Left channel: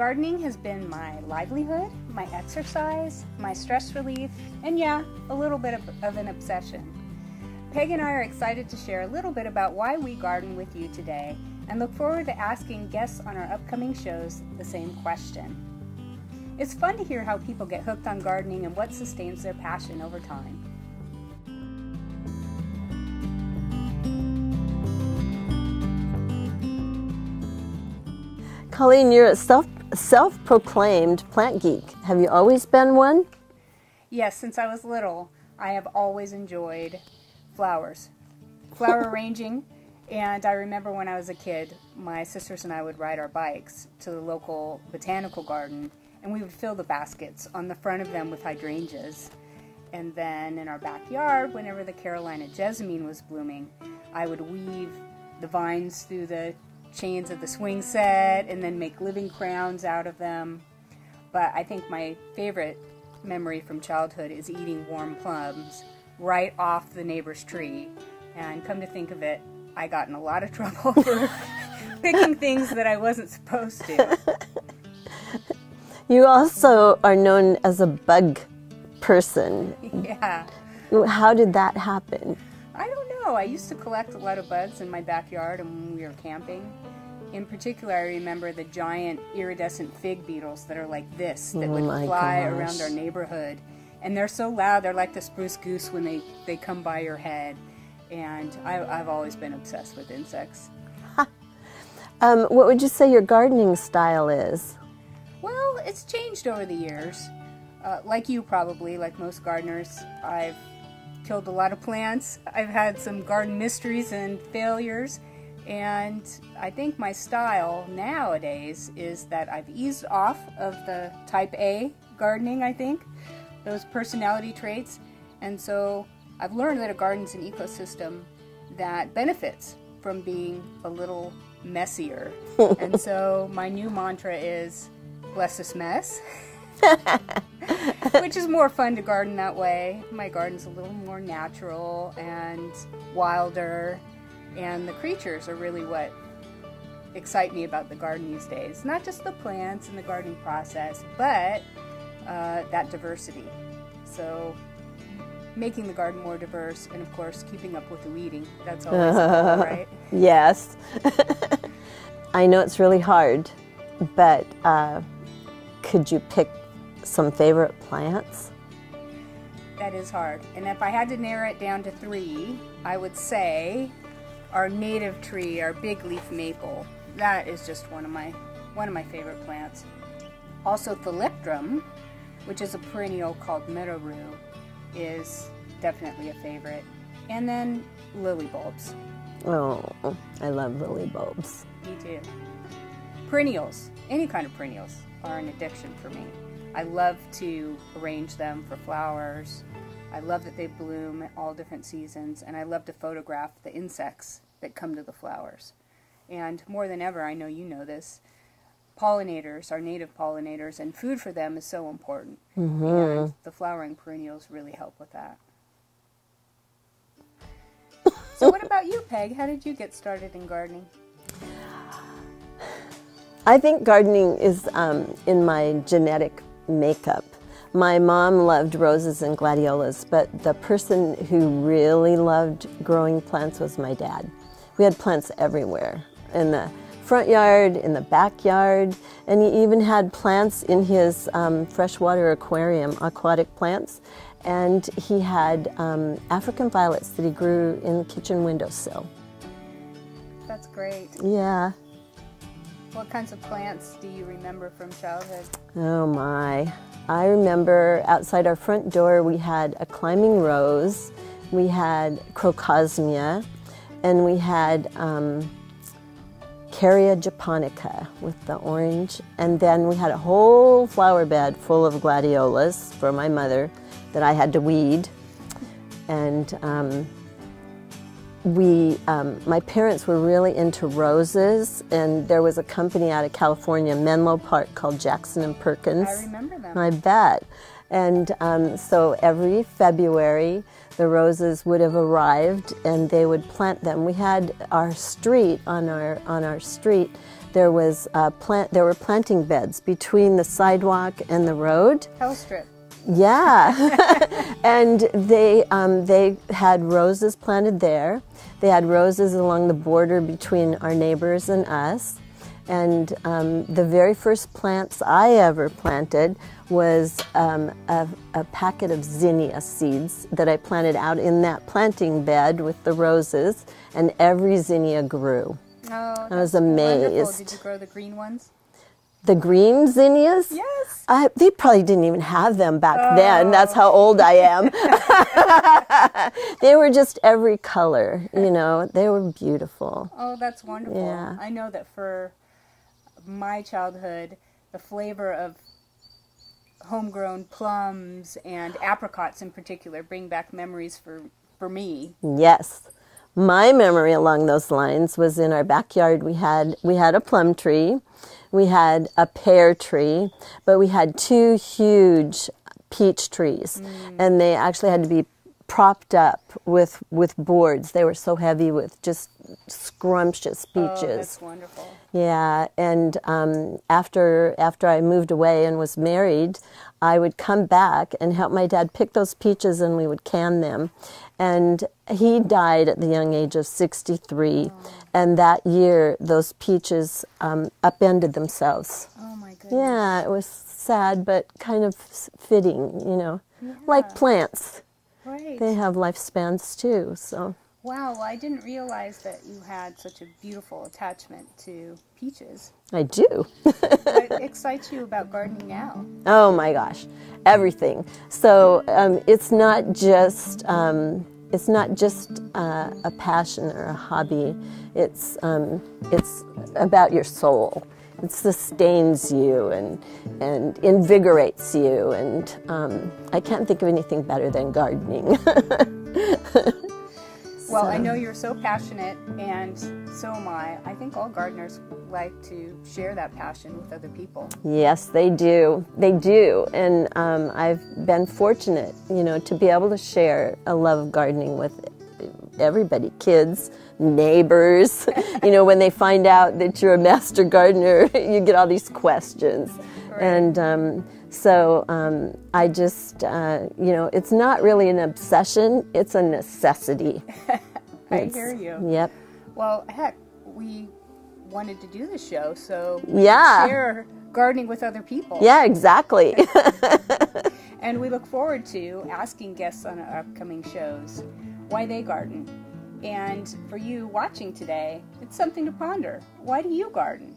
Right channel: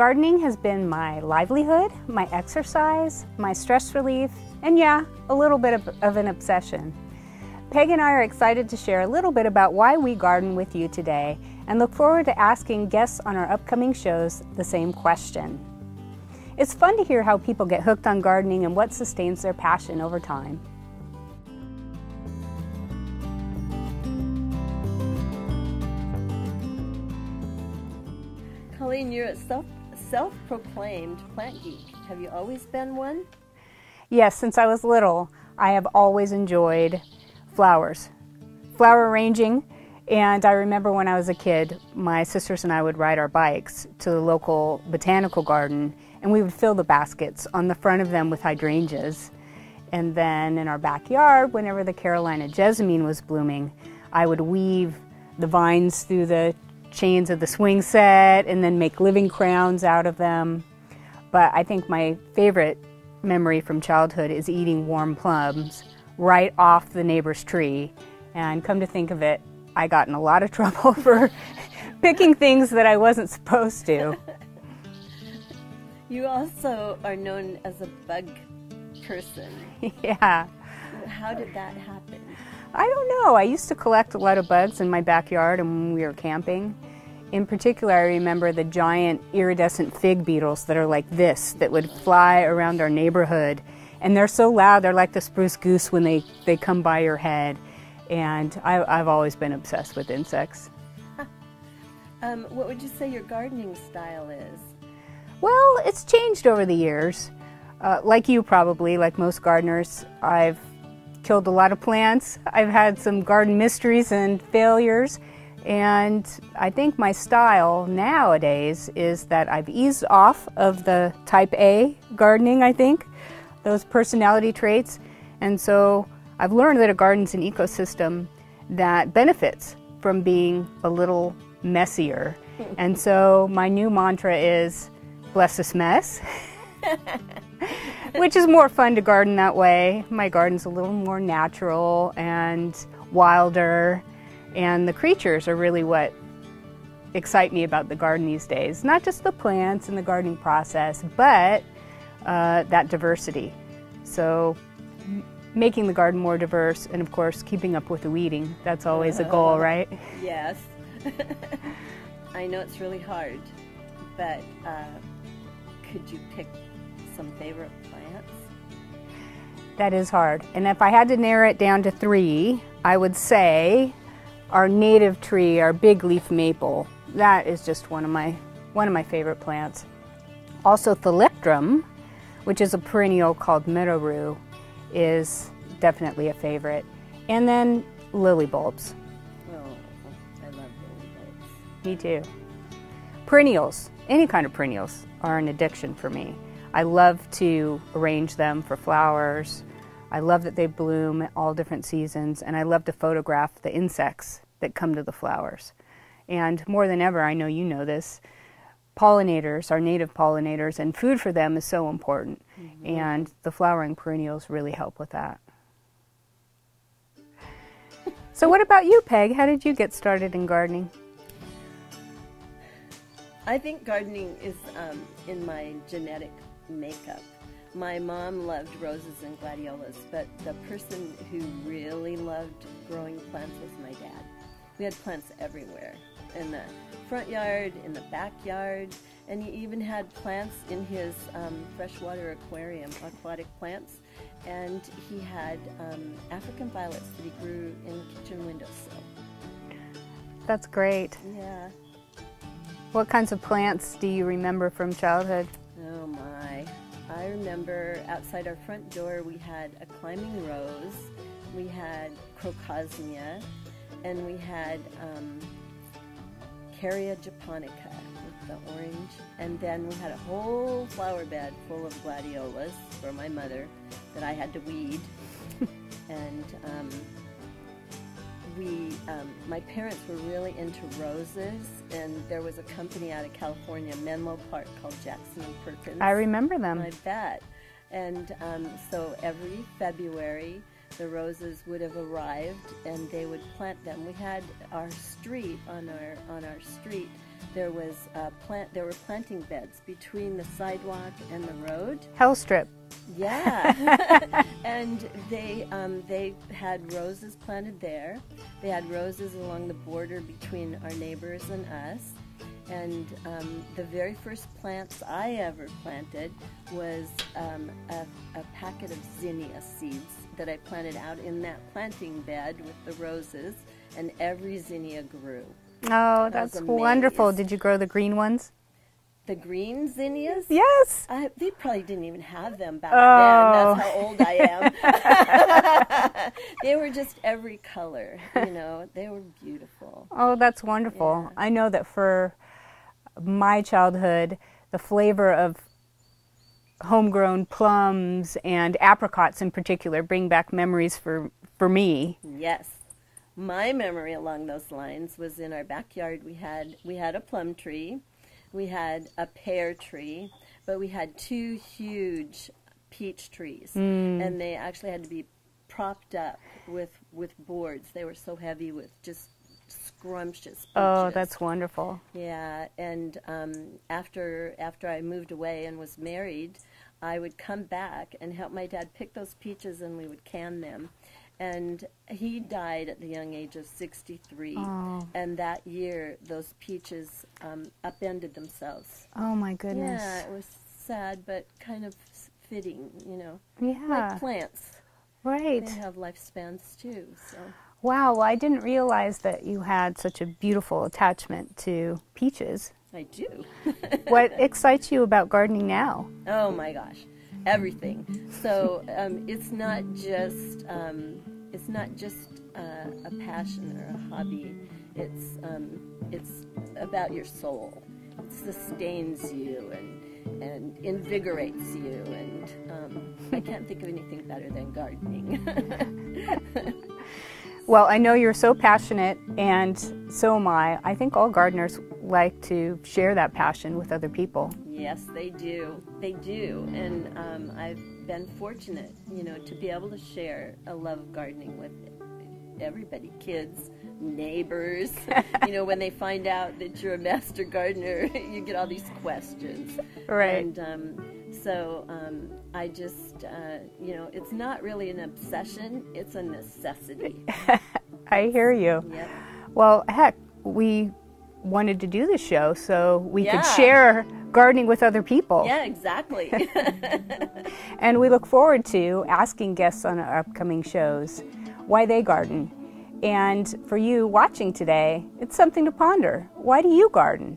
Gardening has been my livelihood, my exercise, my stress relief, and yeah, a little bit of an obsession. Peg and I are excited to share a little bit about why we garden with you today and look forward to asking guests on our upcoming shows the same question. It's fun to hear how people get hooked on gardening and what sustains their passion over time. Colleen, you're a self-proclaimed plant geek. Have you always been one? Yes, since I was little, I have always enjoyed flowers, flower arranging, and I remember when I was a kid, my sisters and I would ride our bikes to the local botanical garden, and we would fill the baskets on the front of them with hydrangeas. And then in our backyard, whenever the Carolina jessamine was blooming, I would weave the vines through the chains of the swing set and then make living crowns out of them. But I think my favorite memory from childhood is eating warm plums right off the neighbor's tree. And come to think of it, I got in a lot of trouble for picking things that I wasn't supposed to. You also are known as a bug person. Yeah. How did that happen? I don't know. I used to collect a lot of bugs in my backyard and when we were camping. In particular, I remember the giant iridescent fig beetles that are like this, that would fly around our neighborhood. And they're so loud, they're like the spruce goose when they come by your head. And I've always been obsessed with insects. What would you say your gardening style is? Well, it's changed over the years. Like you probably, like most gardeners, I've killed a lot of plants. I've had some garden mysteries and failures, and I think my style nowadays is that I've eased off of the type A gardening, I think, those personality traits, and so I've learned that a garden's an ecosystem that benefits from being a little messier. And so my new mantra is, bless this mess. Which is more fun to garden that way. My garden's a little more natural and wilder, and the creatures are really what excite me about the garden these days. Not just the plants and the gardening process, but that diversity. So making the garden more diverse, and of course keeping up with the weeding. That's always a goal, right? Yes. I know it's really hard, but could you pick some favorite plants? That is hard. And if I had to narrow it down to 3, I would say our native tree, our big leaf maple. That is just one of my favorite plants. Also thalictrum, which is a perennial called meadow rue, is definitely a favorite. And then lily bulbs. Oh, I love lily bulbs. Me too. Perennials, any kind of perennials, are an addiction for me. I love to arrange them for flowers. I love that they bloom at all different seasons, and I love to photograph the insects that come to the flowers. And more than ever, I know you know this, pollinators, our native pollinators, and food for them is so important. Mm-hmm. And the flowering perennials really help with that. So what about you, Peg? How did you get started in gardening? I think gardening is in my genetic makeup. My mom loved roses and gladiolas, but the person who really loved growing plants was my dad. We had plants everywhere, in the front yard, in the backyard, and he even had plants in his freshwater aquarium, aquatic plants, and he had African violets that he grew in the kitchen windowsill. That's great. Yeah. What kinds of plants do you remember from childhood? Oh my. I remember outside our front door we had a climbing rose, we had crocosmia, and we had Caria japonica with the orange, and then we had a whole flower bed full of gladiolas for my mother that I had to weed. And my parents were really into roses, and there was a company out of California, Menlo Park, called Jackson & Perkins. I remember them. I bet. And so every February, the roses would have arrived, and they would plant them. We had our street, on our street, there was there were planting beds between the sidewalk and the road. Hell strip. Yeah, and they had roses planted there. They had roses along the border between our neighbors and us. And the very first plants I ever planted was a packet of zinnia seeds that I planted out in that planting bed with the roses, and every zinnia grew. Oh, that's wonderful. Did you grow the green ones? The green zinnias? Yes. They probably didn't even have them back then. That's how old I am. They were just every color, you know. They were beautiful. Oh, that's wonderful. Yeah. I know that for my childhood, the flavor of homegrown plums and apricots in particular bring back memories for me. Yes. My memory along those lines was in our backyard. We had a plum tree. We had a pear tree, but we had 2 huge peach trees, and they actually had to be propped up with boards. They were so heavy with just scrumptious peaches. Oh, that's wonderful. Yeah, and after I moved away and was married, I would come back and help my dad pick those peaches, and we would can them. And he died at the young age of 63, and that year those peaches upended themselves. Oh my goodness. Yeah, it was sad, but kind of fitting, you know. Yeah. Like plants. Right. They have lifespans too, so. Wow, well, I didn't realize that you had such a beautiful attachment to peaches. I do. What excites you about gardening now? Oh my gosh, everything. So it's not just a passion or a hobby. It's about your soul. It sustains you and invigorates you, and I can't think of anything better than gardening. Well, I know you're so passionate, and so am I. I think all gardeners like to share that passion with other people. Yes, they do. They do. And I've been fortunate, you know, to be able to share a love of gardening with everybody, kids, neighbors. You know, when they find out that you're a master gardener, you get all these questions. Right. And so I just, you know, it's not really an obsession, it's a necessity. I hear you. Yep. Well, heck, we wanted to do this show so we Yeah. could share gardening with other people. Yeah, exactly. And we look forward to asking guests on our upcoming shows why they garden. And for you watching today, it's something to ponder. Why do you garden?